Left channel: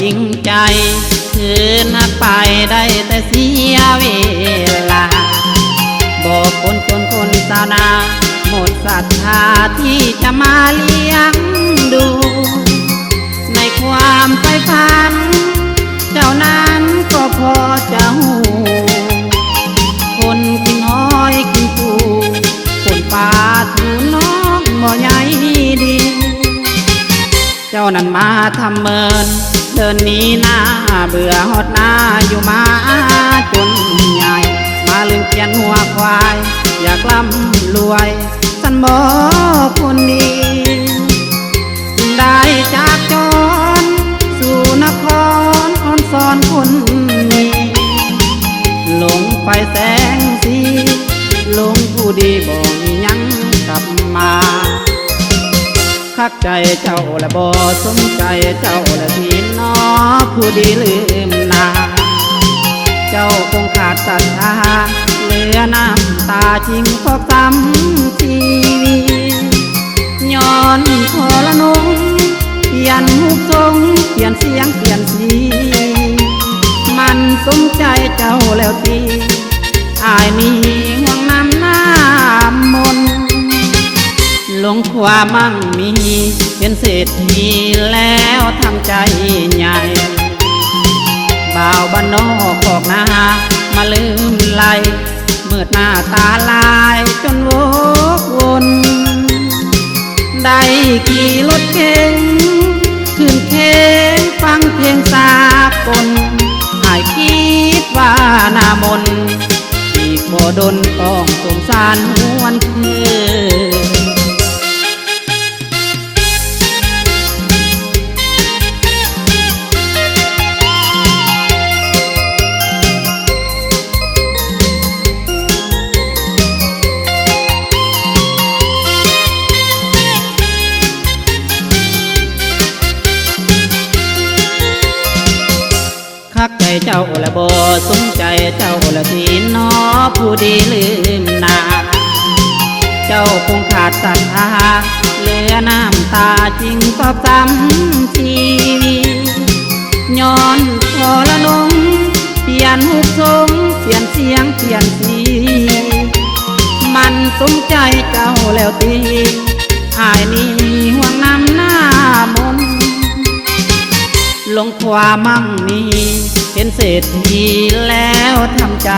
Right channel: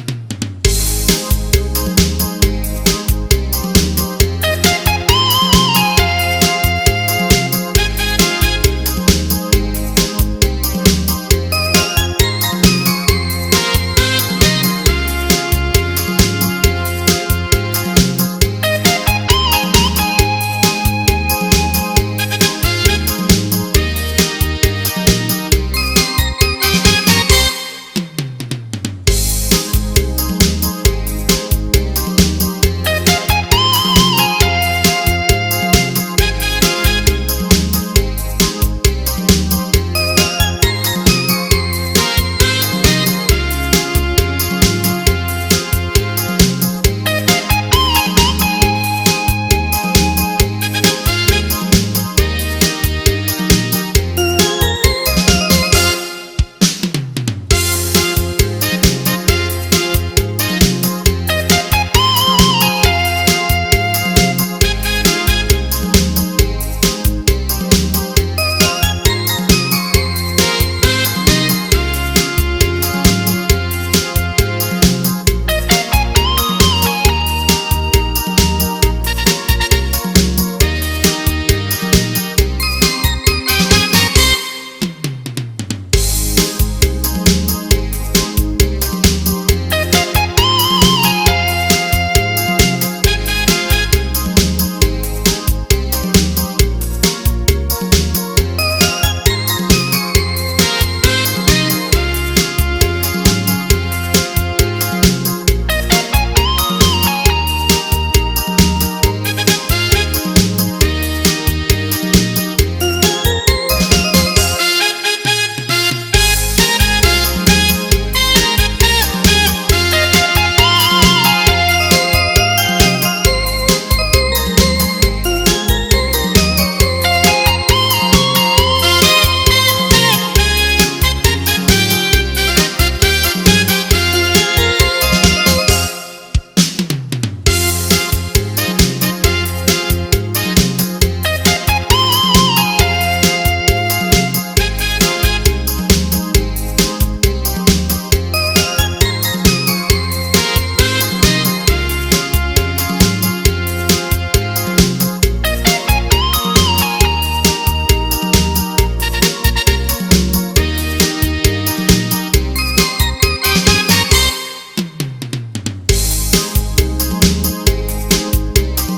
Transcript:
จริงใจคืนนักไปได้แต่เสียเวลาบอกคนจนคนสาวนาหมดศรัทธาที่จะมาเลี้ยงดูในความใฝ่ฝันเจ้านั้นก็พอจะหูคนกินน้อยกินปูคนป่าถูน้องบ่ใหญ่ดีเจ้านั้นมาทำเมินเดินนี้หน้าเบื่อหดหน้าอยู่มาจนใหญ่มาลืมเกียนหัวควายอยากร่ำรวยท่านบอกคนดีได้จากจนสู่นครอ่อนสอนคนนี้หลงไปแสงสีหลงผู้ดีบอกมียังกลับมาคักใจเจ้าและบ่สนใจเจ้าและพี่น้อผู้ดีลืมนาเจ้าคงขาดศรัทธาเหลือน้ำตาจริงเพราะกรรมทีย้อนพอละนงเปลี่ยนหูทรงเปลี่ยนเสียงเปลี่ยนสีมันสมใจเจ้าแล้วทีอายนี้ห่วงน้ำหน้ามนหลงความมั่งมีเป็นเศรษฐีแล้วทำใจใหญ่บ่าวบ้านนอกออกนามาลืมไหลเมื่อหน้าตาลายจนวกวนได้ขี่รถเก๋งขึ้นเพลงฟังเพลงสากลหายคิดว่าหน้ามนที่บ่ดนต้องสงสารหวนเธอคักใจเจ้าและบ่สนใจเจ้าและพี่น้อผู้ดีลืมนาเจ้าคงขาดศรัทธาเหลือน้ำตาจริงเพราะกรรมทีย้อนพอละนงเปลี่ยนหูทรงเปลี่ยนเสียงเปลี่ยนสีมันสมใจเจ้าแล้วทีอายนี้ห่วงน้ำหน้ามนหลงความมั่งมีเป็นเศรษฐีแล้วทำใจ